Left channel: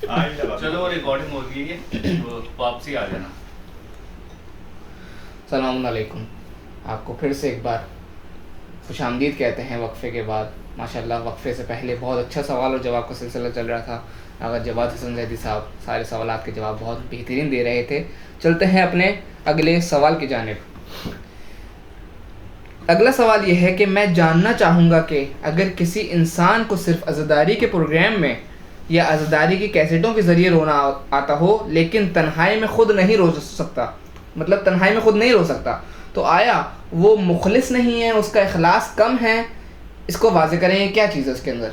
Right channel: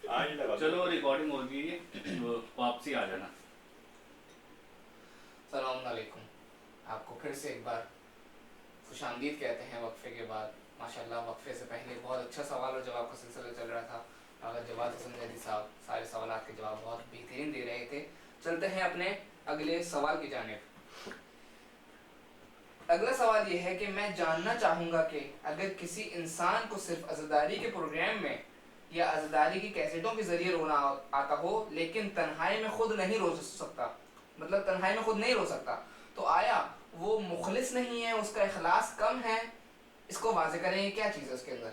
چلو وہ ریکارڈنگ ہو گئی ہے، واپسی آ جانا. السلام علیکم. آپ کو پھر سے ایک بار خوش آمدید کہتے ہیں وقفے کے بعد. ماشاءاللہ وقفے سے پہلے بہت اچھا سوال اور جواب کا سلسلہ چل رہا تھا. اگر جواد حسن زیدی صاحب سارے سوالات کے جواب بہت بہترین دے رہے تھے. چلتے ہیں اپنے اگلے سوال کی جانب. اگلا سوال یہ ہے کہ میں جاننا چاہوں گا کہ اگر کسی انسان کو صرف عزاداری کے پروگرام میں یا عزاداری کی کیسٹوں کے ذریعے رونا آتا ہو لیکن تنہائی میں خود نہیں رو سکتا، مطلب تنہائی میں خود نہیں رو سکتا، تو آیا وہ مخلص نہیں ہے، اس کا اخلاص کم ہے؟ اس کو واضح کریں، یہ کیا چیز ہے اس کے اندر؟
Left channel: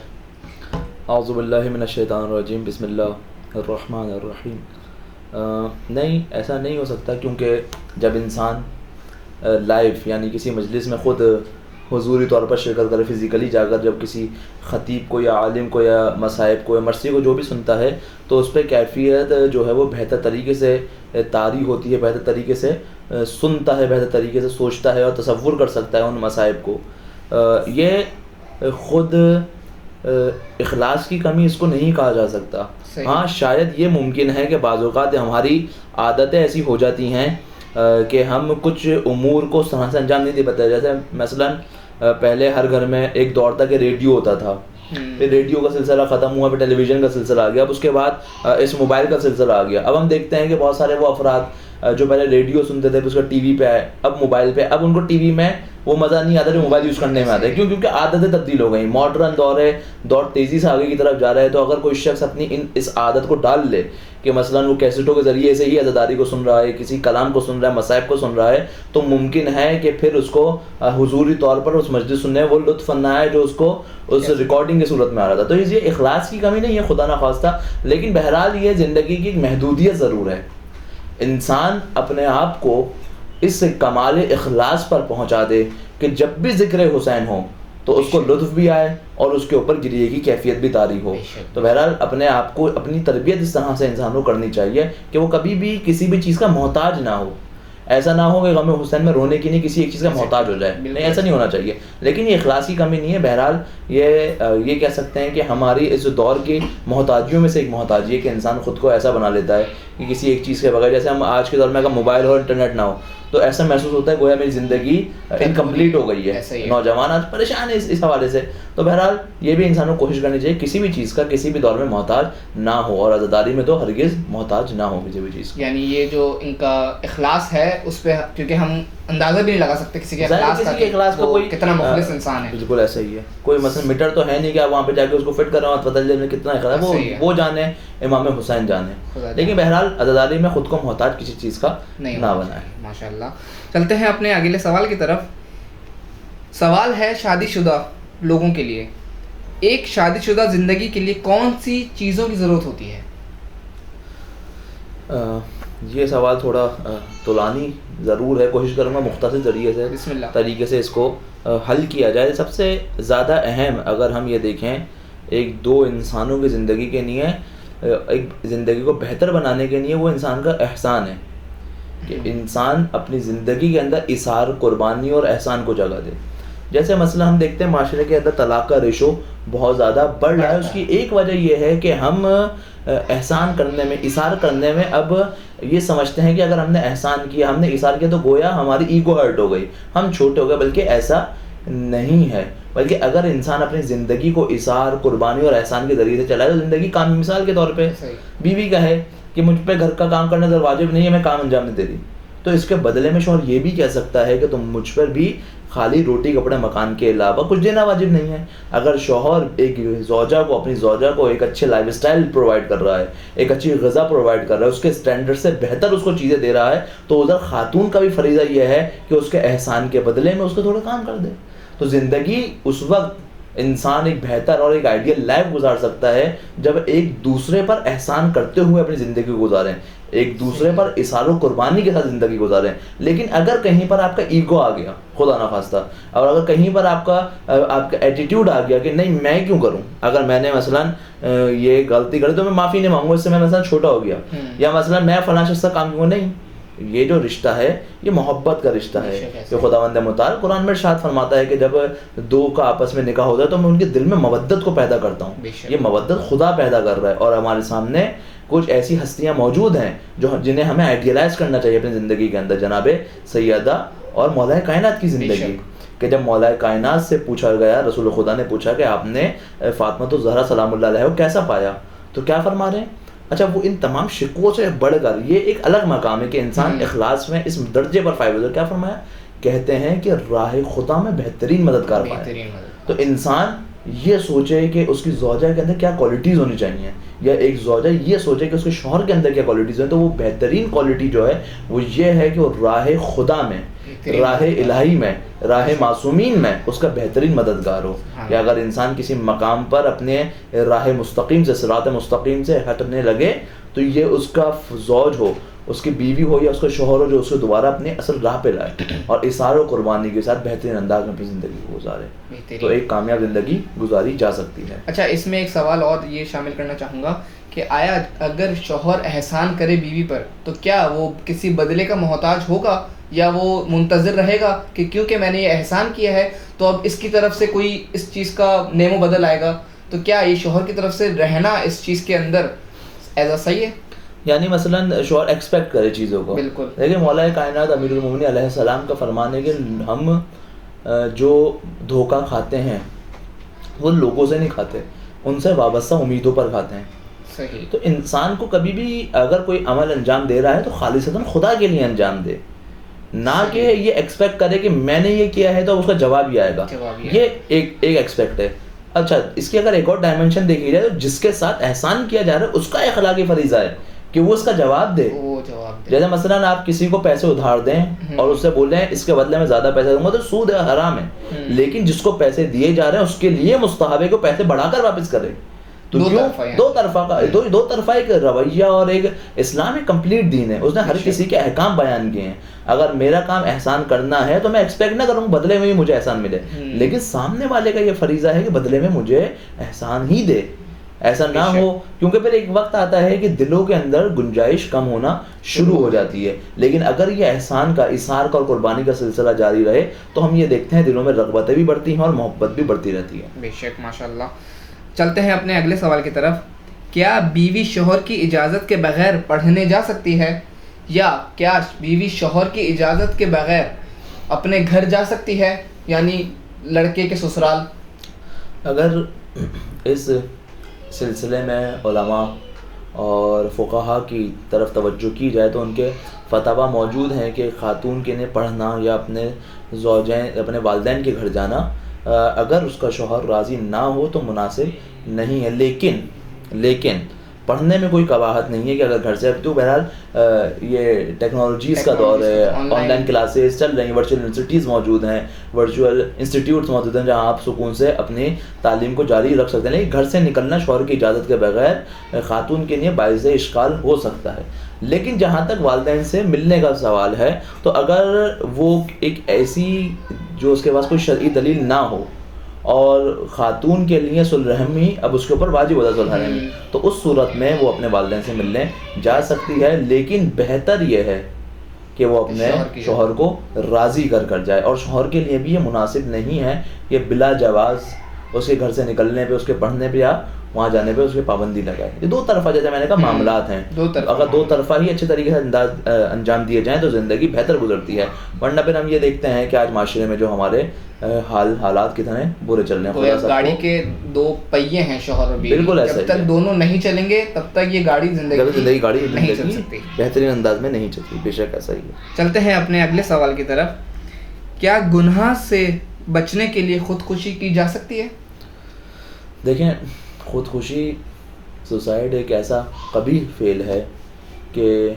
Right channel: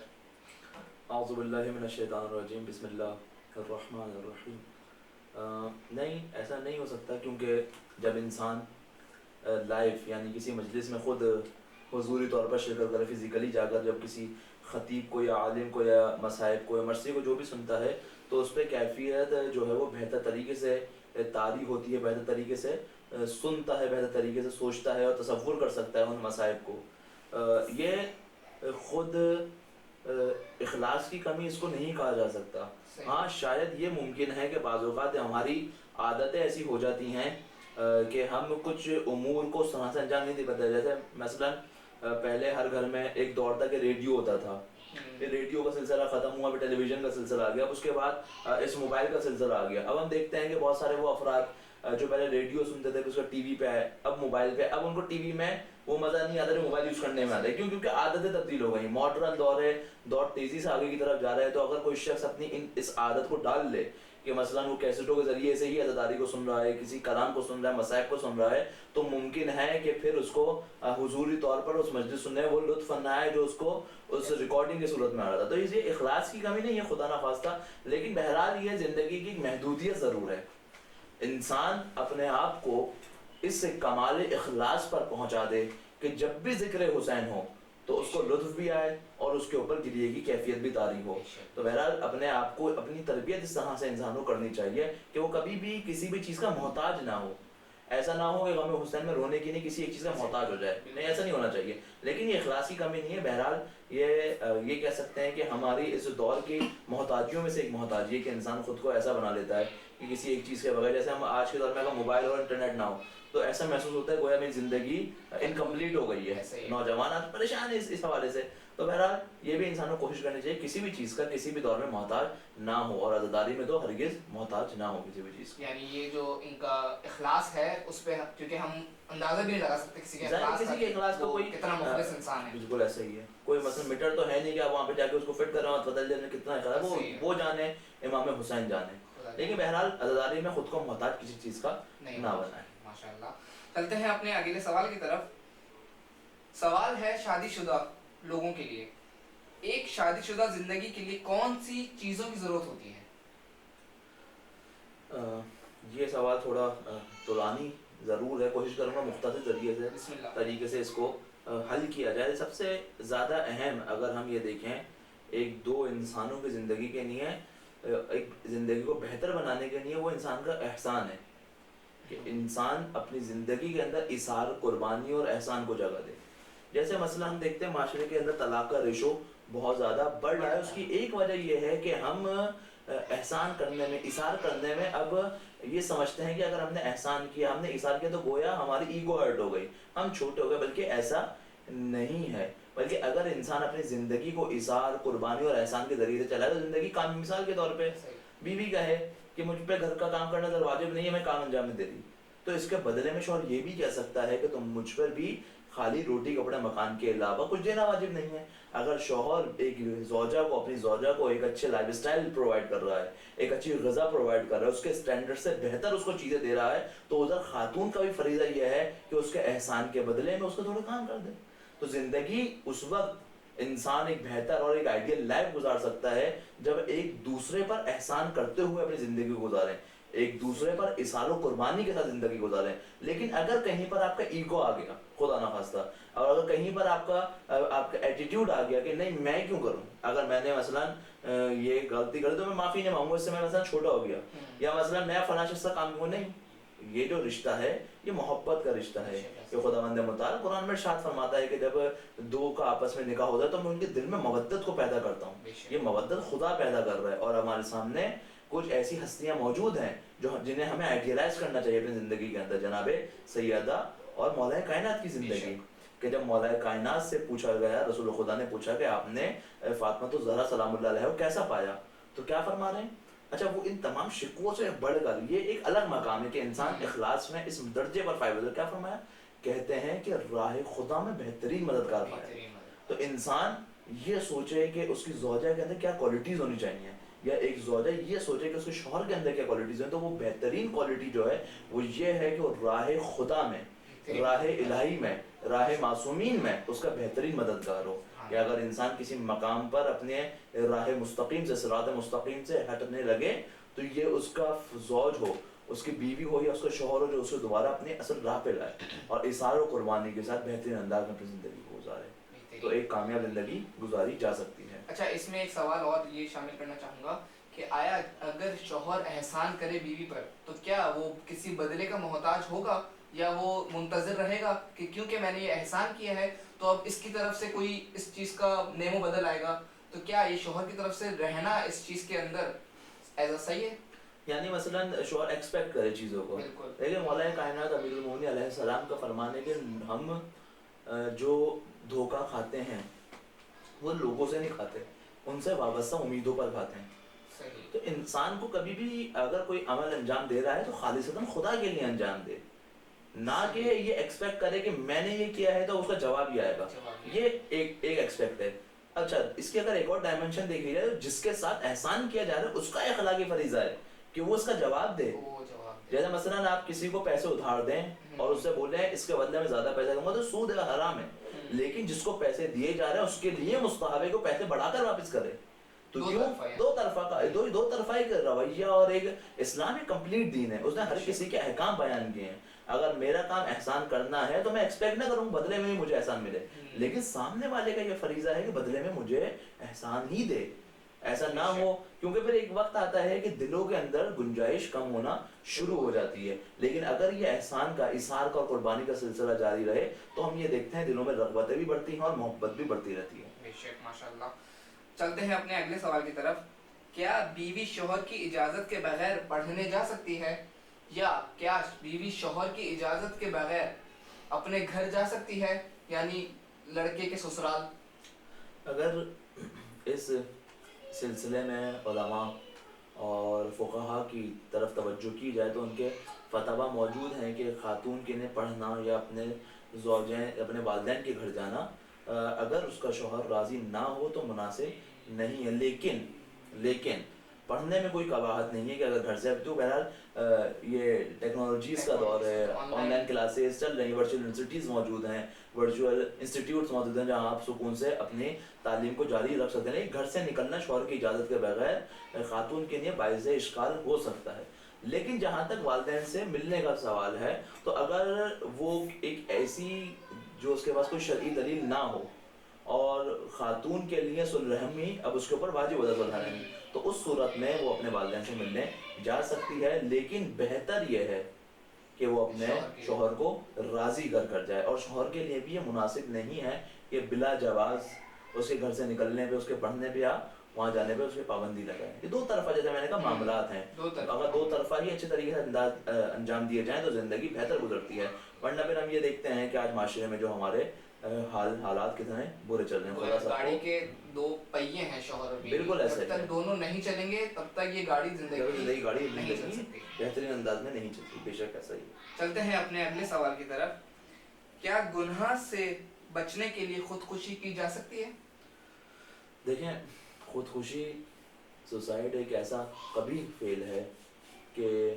اعوذ باللہ من الشیطان الرجیم، بسم اللہ الرحمن الرحیم. نہیں، ایسا نہیں ہو سکتا، کیونکہ جب انسان لائیو یعنی کسی مجلس میں خود حضوری طور پر شرکت کرے، فزیکلی جا کر جب کسی خطیب کو یا عالم کو یا مصائب کو یا مرثی کو جو بھی سنتا ہے، تو اس پہ کیفیت جو ہے وہ بہتر طریقے سے طاری ہوتی ہے، بہتر طریقے سے سنتا ہے، بہتر طریقے سے سوچتا ہے اور تصور کر سکتا ہے ان مصائب کو. یہ خود اخلاص کی کمی اس کو نہیں کہا جا سکتا. ہاں شاید یہ ممکن ہے کہ بعض اوقات ہماری عادتیں ایسی ہو جاتی ہیں کہ ہم کچھ امور کو صحیح سے انجام نہیں دے پاتے. جیسے مثلاً پہلے ہر گھر میں ایک دور تھا کہ ریڈیو ہوتا تھا، پھر ریڈیو کا سلسلہ ختم ہوا، پھر ٹیلی ویژن کا سلسلہ آ گیا، اب اس کے بعد اس موبائل کا سلسلہ آ گیا. اب ہم دیکھتے ہیں کہ بہت سارے وہ افراد جو پہلے ریڈیو سنتے تھے، پھر اس کا ٹی وی پہ آئے، اب موبائل پہ. اب ان کو ٹی وی میں وہ مزہ نہیں آتا جو موبائل یوز کرنے میں آتا ہے. کیوں؟ کیونکہ عادتیں تبدیل ہو گئیں، ماڈرن دور ہے، دور تیزی سے آگے کی طرف جا رہا ہے. تو اگر کوئی شخص اپنی اس عادت کو ڈال لے کہ مثلاً وہ کیسٹوں کے ذریعے سے ہی عزاداری کو سن رہا ہے، کسی کلام کو سن رہا ہے، مصائب کو سن رہا ہے، تو ممکن ہے کہ پھر اس کو حضوری طور پر اس مجلس سننے وہ لطف نہ آئے جو اس کو اس ریکارڈنگ کی صورت میں آ رہا تھا. تو یہ اخلاص کی کمی نہیں ہے خدا نخواستہ، لیکن بہرحال یہ زندگی کی ایک محدودیت ضرور ہے. انسان اپنے آپ کو اس کمال اخلاص پر پہنچا دے کہ جب بھی ذکر حسین ہو تو اس کو لطف بھی آئے اور اس کے اوپر گریے کی کیفیت بھی طاری ہو. تو بہرحال اپنے آپ کو، اپنی تربیت اس طرح سے انسان کو کرنی چاہیے کہ وہ کبھی بھی کسی بھی چیز کا محتاج نہ ہو. ایسا نہ ہو کہ غم حسین میں رونے کی نہیں کسی ایک چیز کا محتاج ہو جائے. نہیں، ایسا نہیں ہونا چاہیے. لیکن یہ اخلاص کی کمی نہیں ہے. بہرحال یہ کہہ سکتے ہیں کہ ہماری اس دور کی محتاجیوں میں سے ایک محتاجی ہے کہ انسان خود کو ایسا بنا لیتا ہے کہ کسی ایک چیز کے بغیر، جیسے ہم آج کے دور میں اگر موبائل ہو، انٹرنیٹ نہ ہو، تو ایسا محسوس ہوتا ہے گویا میری زندگی انکمپلیٹ ہو گئی ہے. نوجوان آج پریشان ہے اس حوالے سے. تو بہرحال یہ بھی انسان کو کوشش کرنی چاہیے کسی بھی چیز کا کسی بھی دور میں محتاج نہ ہو، اور عزاداری میں تو ہرگز محتاج نہ ہو کسی بھی چیز. یعنی یہ جو ان کا اخلاص ہے اس پہ، کیونکہ ہم اندازہ بھی نہیں لگا سکتے کسی کے اخلاص کا کوئی کتنا مخلص انسان ہے. بالکل ایسا ہی ہے. کوئی مثلا میٹر تو ہے نہیں کہ آپ وہاں پہ جا کے اس کو فٹ کر رہے ہو، پتہ چلے کتنا اخلاص ہے. وہ جانے امام حسین جانے. لیکن بہرحال عزاداری میں خود کو محتاج کسی چیز کا نہ بنائے. ماشاءاللہ. چلتے ہیں اپنے اگلے سوال کی طرف. سوال ہے شادی شدہ لوگوں کے لیے. ایک شادی شدہ زندگی کے لیے کون سی چیزوں کی ضرورت ہوتی ہے؟ یہ سوال تھوڑا طولانی ضرور ہے. کوشش کروں گا مختصر طریقے سے اس کو حل کیا جائے. سب سے زیادہ اہم اگر ہم یہ دیکھیں ایک دو انسانوں کی زندگی کے لیے، ایک زندگی کو بہتر بنانے کے لیے، وہ انسان کا احسان ہے کہ انسان اپنی زندگی کے اندر اثار، قربانی اور احسان کو جگہ دے. جیسے مثلا ہم دیکھتے ہیں معاشرے کے اندر طلاق کا ریشو بہت زیادہ بڑھ رہا ہے. اس کی ایک وجہ یہ ہے کہ ہم احسان کرنے میں، اثار کرنے میں اب یہ سمجھتے ہیں کہ اگر ہم نے احسان کیا، ہم نے اثار کیا، تو گویا ہماری ایگو ہرٹ ہو گئی، ہم چھوٹے ہو گئے. بلکہ ایسا نہیں ہے. بلکہ اگر انسان اپنی زندگی کو اثار، قربانی اور احسان کے ذریعے سے چلائے تو زندگی کام. مثال کے طور پہ بیوی کہے کہ مجھ پہ گھر کا کام کرنا واجب نہیں ہے، میں کام انجام نہیں دے رہی، تو اس کے بدلے میں شوہر یہ بھی کہہ سکتا ہے کہ تم مجھ پر بھی خالی روٹی کپڑے مکان کے علاوہ کچھ دینا واجب نہیں ہے. اگر شوہر ایک زوجہ کو، اپنی زوجہ کو ایک اچھے لائف اسٹائل پرووائڈ کر رہا ہے، ایک اچھی غذا پرووائڈ کر رہا ہے، اس کے اسٹینڈرڈ سے بہتر اس کو چیزیں دے رہا ہے، تو ادھر خاتون کا بھی فریضہ یہ ہے کہ اس کے احسان کے بدلے میں اس کو تھوڑا کام کر دے. تو زندگی اس وقت انسان ایک بہتر اور ایک آئیڈیل لائف گزار سکتا ہے جب ایک دوسرے پر احسان کرتے ہوئے اپنی زندگی کو گزاریں، ایک دوسرے پر اثار و قربانی کے ساتھ زندگی گزاریں. لیکن اگر کہیں پر آپ کا ایگو آ گیا، خدا نخواستہ، اور اگر کہیں پر آپ کا ایٹیٹیوڈ آ گیا کہ نہیں میں کیوں کروں، اگر میں نے مثلاً یہ غلطی کری تو میں معافی نہیں مانگوں، اس سے میں مثلاً چھوٹا ہو گیا، یا مثلاً میں فلاں شخص کا کام کیوں نہیں، یہ جو رشتہ ہے یہ محبت کا رشتہ ہے کہ خداوند متعال قرآن میں ارشاد فرماتا ہے کہ جب دو کا آپس میں نکاح ہوتا ہے تو میں ان کے دل میں مودت کو پیدا کرتا ہوں. یہ مودت خدا پیدا کر رہا ہے, اور ہمارے سامنے کچھ ایسی ہستیاں موجود ہیں جنہیں ہمیں آئیڈیلائز کرنا چاہیے اپنی زندگی کے اندر. جناب سیدہ اور مولا کائنات کی زندگی, کہ جب مولا کائنات سے پوچھا گیا, رسول خدا نے پوچھا کہ آپ نے فاطمہ الزہرا سلام اللہ علیہ کو کیسا پایا, تو کیا فرما رہے ہیں؟ اچھا وہ ان تمام شکووں سے بڑھ کر یہ ایک الگ مقام ہے کہ انسان اخلاص میں اس درجے پر فائز ہو. کیا فرمایا؟ کہتے ہیں کہ راہ خدا میں بہترین مددگار پائے. تو انسان یہ سوچے کہ اس کی زوجہ کے اندر کیا کوالٹیز ہونی چاہیے, یا ایک زوجہ یہ سوچے کہ اس کے شوہر کے اندر کیا کوالٹیز ہیں, تو وہ بہترین کوالٹی جو ہے وہ یہ ہے کہ وہ راہ خدا میں, راہ الہی میں, راہ معصومین میں اس کا بہترین مددگار ہو. کہ اگر انسان کسی مقام پر اپنے راہ مستقیم سے, صراط مستقیم سے ہٹنے لگے, تو یہ اس کا زوج ہو, اس کی بیوی ہو یا اس کا شوہر ہو, جو اس کو دوبارہ اپنے اصل راہ پہ لائے اور اثار و قربانی کے ساتھ بہترین انداز میں اپنی زندگی کو گزارے, تو ایک کامیاب زندگی گزاری جا سکتی ہے. اچھا اس میں ایک سوال اور یہ شامل کرنا چاہوں گا کہ آیا اگر شوہر احسان کرے بیوی پر تو کیا وہ کسی بدلے کا محتاج ہوگا, یا وہ منتظر رہے گا کہ کیونکہ میں نے یہ احسان کیا ہے تو اب اس کی طرف سے کوئی اس چیز کا نیم و بدل آئے گا؟ تو کیا یہ شوہر کی طرف سے رہنا اس چیز کے اندر ایسا صحیح ہے؟ یعنی مثلاً شوہر ایکسپیکٹ کرے چیزوں کو. بالکل. لیکن مولا کائنات امیر المومنین علیہ السلام کا فرمان ہے کہ ہم جو دھوکہ کھاتے ہیں وہ لوگوں سے نہیں کھاتے, ان سے وابستہ امیدوں پر کھاتے ہیں. صحیح. تو انسان کو کبھی بھی اگر کوئی عمل انجام دے رہا ہے تو خالصتاً خدا کے لیے انجام دے, نہ کہ یہ ایکسپیکٹ کرے کہ میں نے یہ کیا ہے تو اس کا جواب ہی آئے گا. یہ ایک ایکسپیکٹ ہے. اچھا اس کی اگر ایک اور ڈائمنشن دیکھی جائے تو جس کے ساتھ احسان کیا جا رہا ہے اس کا اخلاقی فریضہ ہے کہ وہ اس کا جواب دے. جیسے مثلاً آپ کسی کو پیسے ادھار دیں اور اس سے بول رہے ہیں اس کے بدلے میں زیادہ پیسے دوں گا, تو سود حرام ہے. لیکن جس کو پیسے دیے جا رہے ہیں اس کے لیے مستحب ہے کہ پیسے بڑھا کر واپس کرے. تو دو طرفہ ایک رویہ, اور ایک اسلام ایک کمپلیٹ دین ہے, اس نے ہر کسی کے احکام بیان کیے ہیں. اگر میرا کام احسان کرنا ہے تو میں ایکسپیکٹ نہ کروں بدلے میں بھی مجھے احسان ملے, لیکن سامنے والے کا یہ فریضہ ہے کہ بدلے میں مجھے احسان ہی دے. ایسا نہ ہو, کیونکہ پھر ایک وقت آتا ہے کہ دلوں کے اندر گنجائش کم ہونا شروع ہو جاتی ہے. لیکن اگر یہ احسان کا, اثار کا اور قربانی کا سلسلہ جاری رہے تو ہم یہ دیکھتے ہیں دلوں میں رغبتیں بھی بڑھتی ہیں اور محبت بھی بڑھتی رہتی ہے. بے شک, ماشاء اللہ. چلتے ہیں اپنے اگلے سوال کی طرف. کیا بیوی شوہر کی اجازت کے بغیر پڑھنے جا سکتی ہے, یا کیا بیوی شوہر کی اجازت کے بغیر اپنے گھر جا سکتی ہے, یعنی لڑکے کے سسرال؟ اگر اس سلسلے میں علماء اور فقہا کی طرف توجہ کی جائے تو ان کے فتاوی موجود ہیں کہ خاتون کے لیے پڑھنا یا اپنے زوجین, اپنے والدین کے گھر جانا اگر اس کا شوہر راضی نہ ہو تو مناسب نہیں ہے. لیکن پڑھنے میں کوئی قباحت نہیں ہے کہ اگر گھر سے, تو بہرحال یہ ٹیکنالوجیز کا دور ہے, آن لائن کلاسز چل رہی ہیں, ورچوئل یونیورسٹیز موجود ہیں, ورچوئل انسٹیٹیوٹس موجود ہیں جہاں آپ سکون سے اپنی تعلیم کو جاری رکھ سکتے ہیں. لیکن گھر سے نکلنا شوہر کی اجازت کے بغیر خاتون کے لیے باعث اشکال ہو سکتا ہے. لیکن جہاں تک والدین سے ملنے کا سوال ہے تو اگر وہ ایک ایسی جو اس کے پاس کوئی شرعی دلیل نہ ہو اور خاتون کے لیے صلح رحمی اب اس کے اوپر واجب ہوتا ہے صلح رحمی, تو اس صورت میں وہ اپنے والدین سے ملنے جا سکتی ہے. لیکن بہتر یہ ہے کہ وہ اپنے شوہر کو راضی کر جائے, اور شوہر کے لیے بھی یہ مناسب نہیں ہے کہ بلا جواز اس کے گھر سے نکلنے پہ, اس کے پڑھنے پہ یا وہاں جانے پہ اس کی پابندی لگائے. یہ دو طرفہ, جیسے میں نے کہا, معاملات ہیں. اگر دو طرفہ ہی اچھے طریقے سے انجام دیے جائیں تو زندگی بہتر گزرتی ہے. ورنہ پھر ہم یہ دیکھتے ہیں کہ آج معاشرے میں جو ہمارے حالات کتنے برے چل رہے ہیں. گاڑی کے دو پہیے ہیں شوہر اور بیوی, بالکل ایسا, جب تک دونوں نہیں چلیں گے تب تک یہ گاڑی زندگی نہیں چل سکتی, بہترین انداز میں نہیں چلتی. بے شک ایسا ہی ہے. چلتے ہیں اپنے اگلے سوال کی طرف. کیا گناہ سے بچنے کے لیے خودکشی کی جا سکتی ہے؟ دیکھیں, خودکشی سوسائڈ ایک ایسا قبیح فعل ہے کہ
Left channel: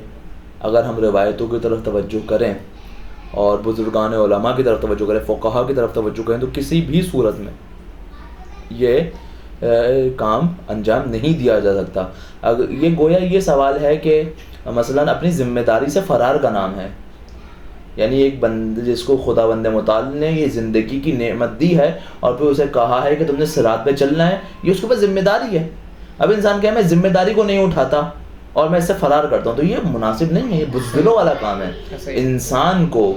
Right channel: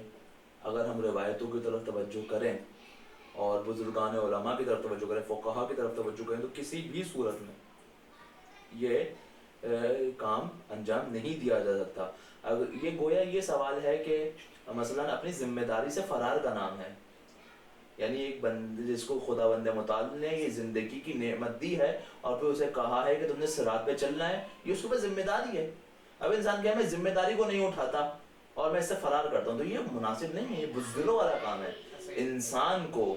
اگر ہم روایتوں کی طرف توجہ کریں اور بزرگان علماء کی طرف توجہ کریں, فقہا کی طرف توجہ کریں, تو کسی بھی صورت میں یہ کام انجام نہیں دیا جا سکتا. اگر یہ گویا یہ سوال ہے کہ مثلاً اپنی ذمہ داری سے فرار کا نام ہے. یعنی ایک بندے جس کو خداوند متعال نے یہ زندگی کی نعمت دی ہے اور پھر اسے کہا ہے کہ تم نے صراط پہ چلنا ہے, یہ اس کے پاس ذمہ داری ہے. اب انسان کہے میں ذمہ داری کو نہیں اٹھاتا اور میں اس سے فرار کرتا ہوں، تو یہ مناسب نہیں ہے، یہ بزدلوں والا کام ہے. انسان کو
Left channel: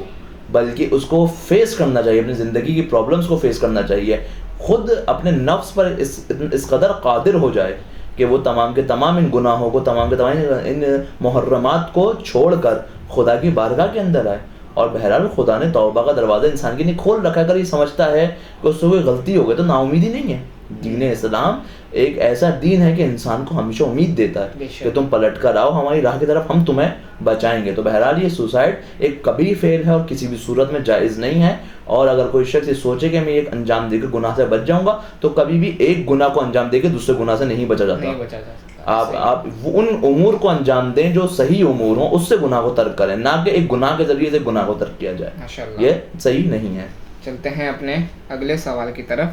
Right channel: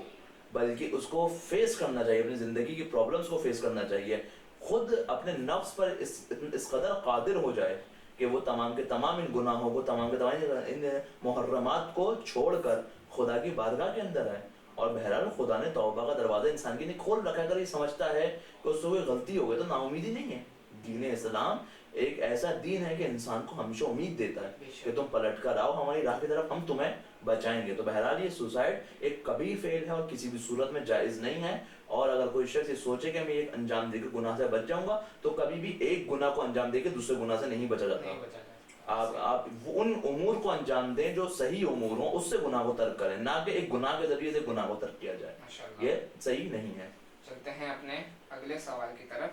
بلکہ اس کو فیس کرنا چاہیے، اپنی زندگی کی پرابلمس کو فیس کرنا چاہیے، خود اپنے نفس پر اس قدر قادر ہو جائے کہ وہ تمام کے تمام ان گناہوں کو، تمام کے تمام ان محرمات کو چھوڑ کر خدا کی بارگاہ کے اندر آئے. اور بہرحال خدا نے توبہ کا دروازہ انسان کے لیے کھول رکھا ہے. اگر یہ سمجھتا ہے کہ اس سے کوئی غلطی ہو گئی تو نا امیدی نہیں ہے. دین اسلام ایک ایسا دین ہے کہ انسان کو ہمیشہ امید دیتا ہے کہ تم پلٹ کر آؤ ہماری راہ کی طرف، ہم تمہیں بچائیں گے. تو بہرحال یہ سوسائڈ ایک کبیرہ فعل ہے اور کسی بھی صورت میں جائز نہیں ہے. اور اگر کوئی شخص یہ سوچے کہ میں ایک انجام دے کے گناہ سے بچ جاؤں گا تو کبھی بھی ایک گناہ کو انجام دے کے دوسرے گناہ سے نہیں بچا جاتا. آپ ان امور کو انجام دیں جو صحیح امور ہوں، اس سے گناہ کو ترک کریں، نہ کہ ایک گناہ کے ذریعے سے گناہ کو ترک کیا جائے. یہ صحیح نہیں ہے. چلتے ہیں اپنے اگلے سوال کی طرف.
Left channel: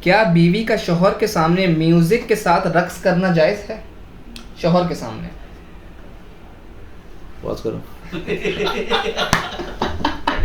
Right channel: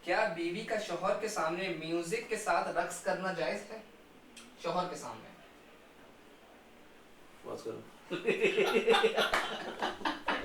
کیا بیوی کا شوہر کے سامنے میوزک کے ساتھ رقص کرنا جائز ہے؟ شوہر کے سامنے. پاس کرو.